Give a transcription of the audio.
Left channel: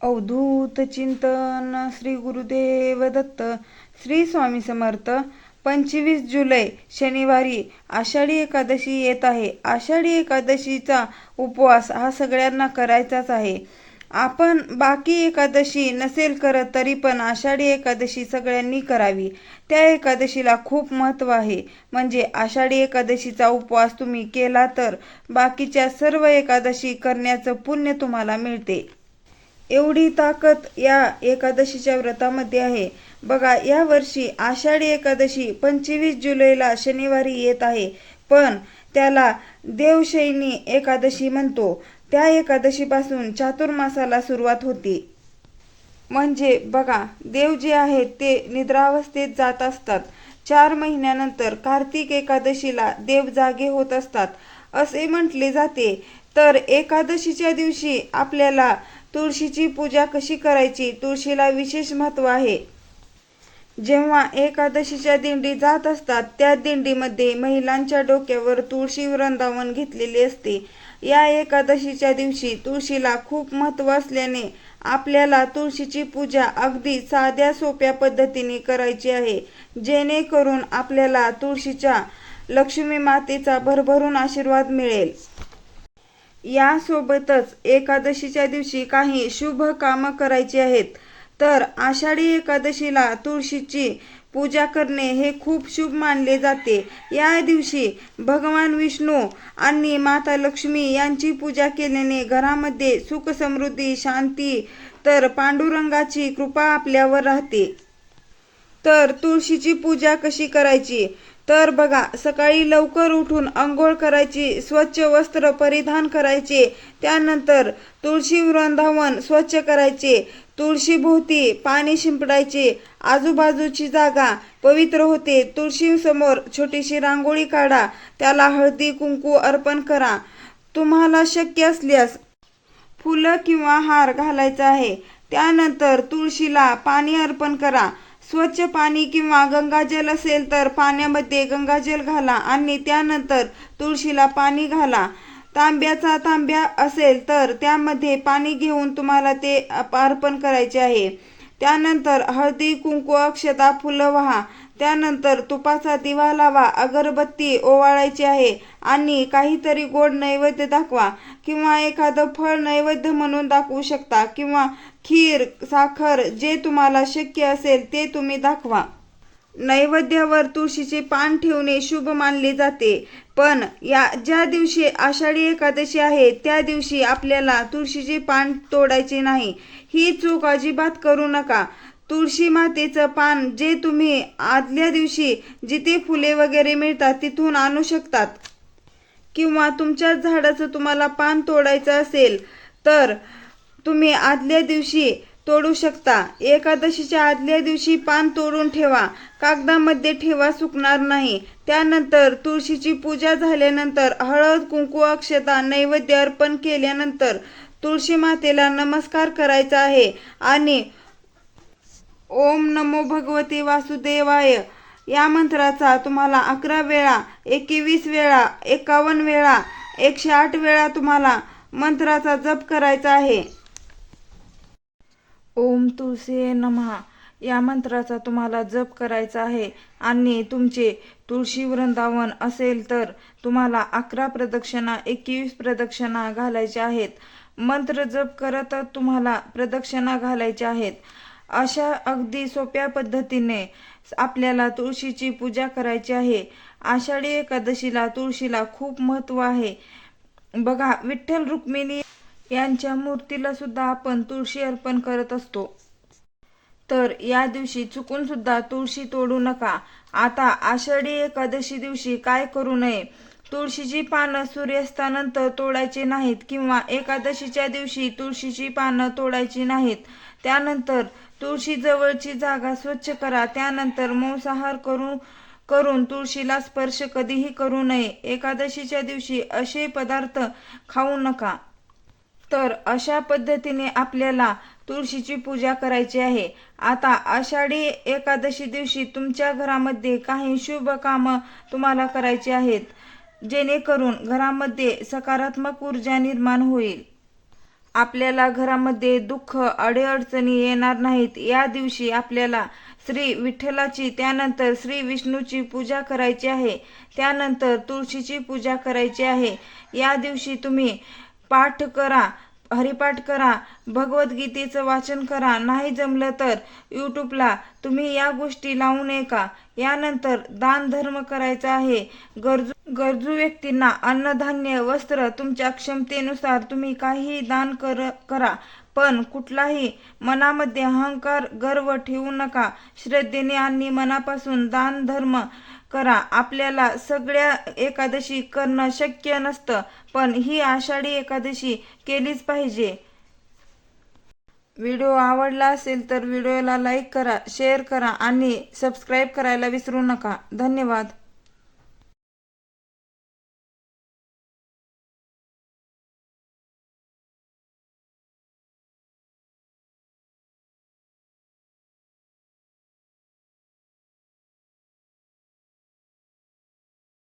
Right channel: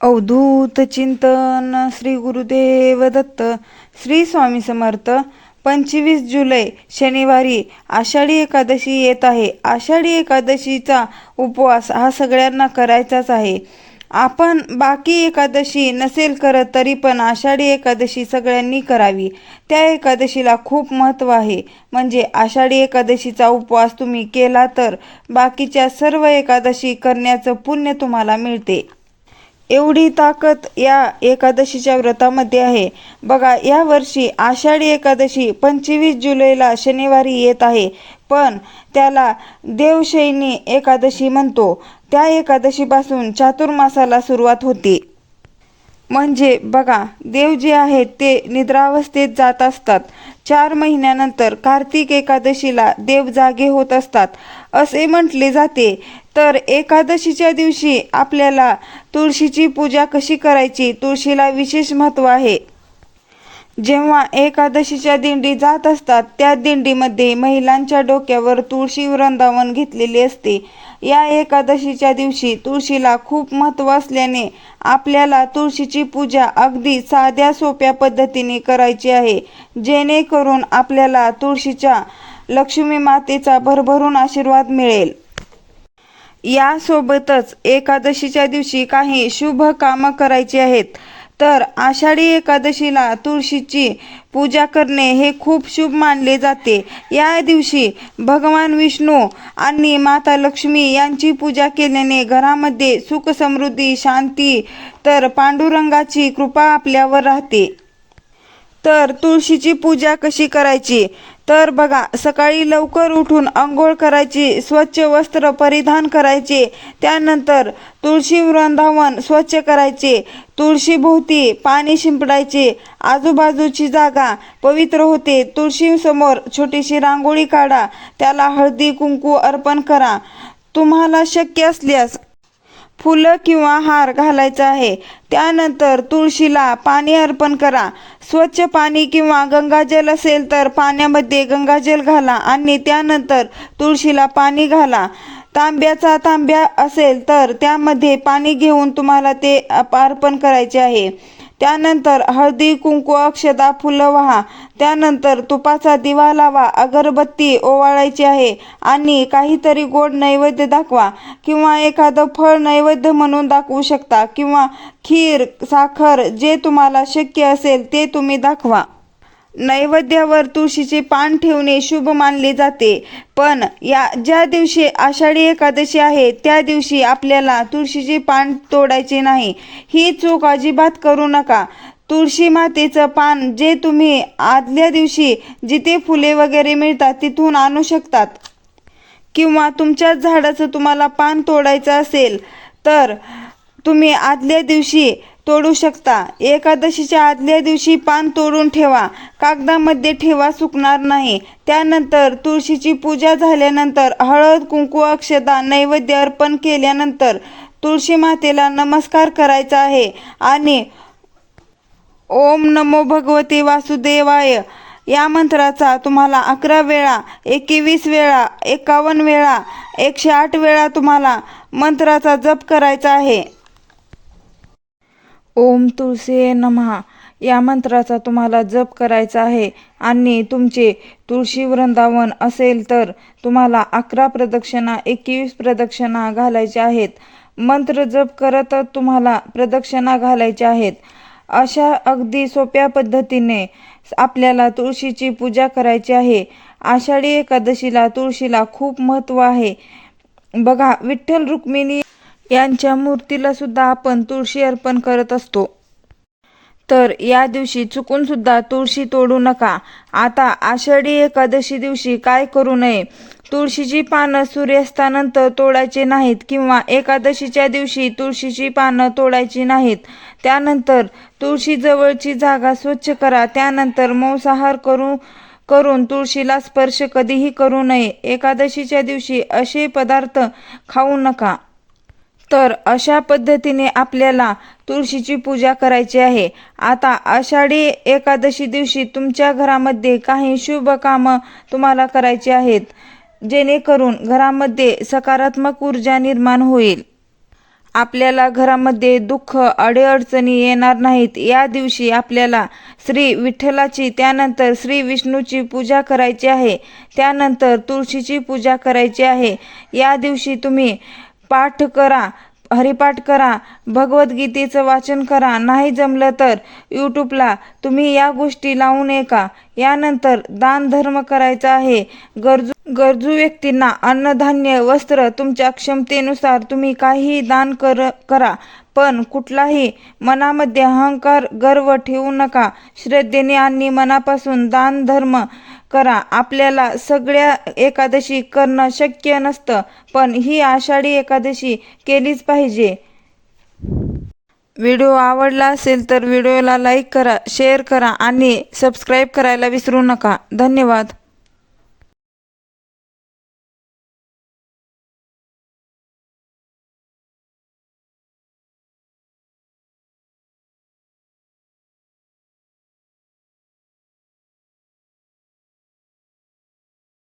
अवधूत चिंतन श्री गुरुदेव दत्त. श्री स्वामी समर्थ. 25 जुलै शनिवारी आषाढी एकादशी येत आहे. आषाढी एकादशीचा उपवास हा सगळ्यांना करायचाच आहे. आपण बाकी एकादशी नसेल करत तरी पण आषाढी एकादशी सगळ्यांनी करावी. त्या एकादशीला खूप महत्त्व आहे. म्हणजे आषाढी एकादशीचा उपवास तुम्ही केला तर बाकीच्या सर्व एकादशी करण्याचं पुण्य तुम्हाला मिळते. एवढी ताकद या एकादशीच्या व्रतामध्ये आहे. बघा, या वर्षी आषाढी एकादशी 25 जुलैला शनिवारी येत आहे, पण त्याला देवशयनी एकादशी म्हणतो. त्या एकादशीपासून चातुर्मासाला सुरुवात होते. म्हणजे बघा, देव जे आहेत ते निद्रावस्थेत जात असतात. 4 महिन्यानंतर कार्तिक एकादशीला देव जागे होत असतात असे म्हटले जाते. तर एकादशीच्या दिवशी आपल्याला तुळशीची पूजा कशी करायची, तुळशीला विशेष महत्त्व आहे. जेव्हा एकादशीच्या दिंडी जात असतात त्या दिंडीमध्ये महिलांच्या डोक्यावर तुळशी वृंदावन घेतलेले असते. या एकादशीच्या दिवशी तुळशीला खूप महत्त्व असल्याने आपल्याला तुळशीची पूजा अगदी साध्या सोप्या पद्धतीने करायची आहे, जेणेकरून आपल्याला तुळशीच्या लक्ष्मी मातेचा भरभरून आशीर्वाद मिळेल. यासोबतच एकादशीच्या दिवशी काही शुभ कामं करायची आहेत. तर आषाढी एकादशीला तुळशीची पूजा करणे हे खूप शुभ मानले जाते. या दिवशी भगवान विष्णू आणि माता लक्ष्मी यांची पूजा केल्याने घरामध्ये सुख समृद्धी शांती तर पांडुरंगाची कृपा आपल्यावर राहते. तर तुळशीची पूजा कशी करायची तर बघा, सकाळी लवकर उठून अंघोळ करायची, स्वच्छ वस्त्र परिधान करायचे, त्यानंतर तुळशी वृंदावन स्वच्छ करायचे, तुळशीभोवती पाणी शिंपडायचे, आजूबाजूची जागा पवित्र होते. तुळशीसमोर छोटीशी रांगोळी काढा, त्याला हळदी कुंकू अर्पण करा. तुम्हाला शक्य असल्यास फुलं किंवा हार घालायचा आहे. त्यानंतर तुळशीला पाणी अर्पण करा. स्वच्छ पाणी किंवा गंगाजल असेल तर पाण्यामध्ये गंगाजल घाला आणि त्यानंतर तुळशीला पाणी घाला. तांब्याचा तांब्या असेल तर त्यामध्ये पाणी घेऊन तुम्हाला ते अर्पण करायचे आहे. त्यानंतर हळदी कुंकू अक्षता फुलं वाहा. त्यानंतर तुपाचा दिवा लावा, अगरबत्ती ओवाळायची आहे आणि काहीतरी गोड नैवेद्य दाखवा किंवा एखादं फळ नैवेद्य म्हणून दाखवू शकता किंवा खीर साखर जे तुम्हाला शक्य असेल ते तुम्ही दाखवा. नैवेद्यावर तुळशीचे पान ठेवणे शुभ मानले जाते. पण ज्या दिवशी आषाढी एकादशी आहे त्या दिवशी आपल्याला तुळशीचे पान तोडायचे नाही. ही चूक अजिबात करू नका. तुळशी मातेचं पान जे तुम्ही आदल्या दिवशी जिथे फुले वगैरे मिळतात तिथून आणू शकतात किंवा तुमच्याच झाडाचं तुम्हाला पान तोडायचं असेल तर तुम्ही आदल्या दिवशी तोडू शकता. एकादशीच्या आदल्या दिवशी पान तोडून ठेवा, कागदामध्ये ठेवा, सुकणार नाही. त्यानंतर तुळशीची पूजा झाल्यानंतर हळद कुंकू अक्षता नैवेद्य अर्पण केल्यानंतर तुळशी मातेला नमस्कार करायचा आहे आणि ओम नमो भगवते वासुदेवाय या मंत्राचा तुम्हाला 11 वेळा 21 वेळा 51 वेळा 108 वेळा तुम्हाला मंत्राचा जप करायचा आहे. ओम तुळसे नमः या मंत्राचा तुम्हाला जप करायचा आहे आणि तुमचे तुळशी वृंदावन असेल तर तुम्हाला 11 प्रदक्षिणा 21 प्रदक्षिणा घालायच्या आहेत. मंत्र जप करतच तुम्हाला प्रदक्षिणा घालायच्या आहेत. अशा अगदी सोप्या पद्धतीने आपल्याला तुळशीची पूजा करायची आहे. आषाढी एकादशीला तुळशीला खूप महत्त्व आहे. बघा, विठ्ठल रुक्मिणी यांच्या मूर्तीला सुद्धा आपण तुळशी अर्पण करत असतो. तर या दिवशी चुकून सुद्धा तुळशी तोडू नका. आता आषाढी एकादशी दिवशी काय करू नये, तुळशीची पानं सूर्यास्तानंतर तोडायचे नाहीत किंवा एकादशीच्या दिवशी तुळशीची पानं तोडायची नाहीत. त्यानंतर तुळशीजवळची जागा स्वच्छ करा. त्यानंतर मांसाहार करून तुळशीला स्पर्श कधीही करू नये. एकादशीच्या दिवशी असे पदार्थ खाऊ नका. तर अशा पद्धतीने आपल्याला तुळशीची पूजा करायची आहे. आता आषाढी एकादशी दिवशी तुमच्या घरामध्ये काही शुभ कामं तुम्हाला करायची आहेत, जेणेकरून घरामध्ये सकारात्मक ऊर्जा निर्माण होईल. आपल्याला घरामध्ये दुःख अडीअडचणी येणार नाहीत। या दिवशी आपल्याला श्री विठ्ठलाची त्यानंतर श्री विष्णूची पूजा करायची आहे, त्यानंतर तुळशीची पूजा करायची आहे। या दिवशी तुम्ही पाठ करा, हरिपाठ करा, भगवद्गीतेचं वाचन करा, नाही जमलं तर यूट्यूबला तुम्ही या गोष्टी लावून ऐका। यानंतर दान धर्म करायचा आहे। गरजू व्यक्तींना अन्नधान्य वस्त्र तुमच्या क्षमतेनुसार तुम्ही काहीही दान करा, पण कुठलाही मनामध्ये अहंकार गर्व ठेवू नका। श्रद्धेने आणि मनापासून दान धर्म करा। आपल्याला सगळ्या एकादशी करणं शक्य नसतं, पण ही आषाढी एकादशी केलीच पाहिजे। व्हिडिओ आवडला असेल तर व्हिडिओला लाईक करा, शेअर करा आणि सबस्क्राईब करायला विसरू नका। धन्यवाद।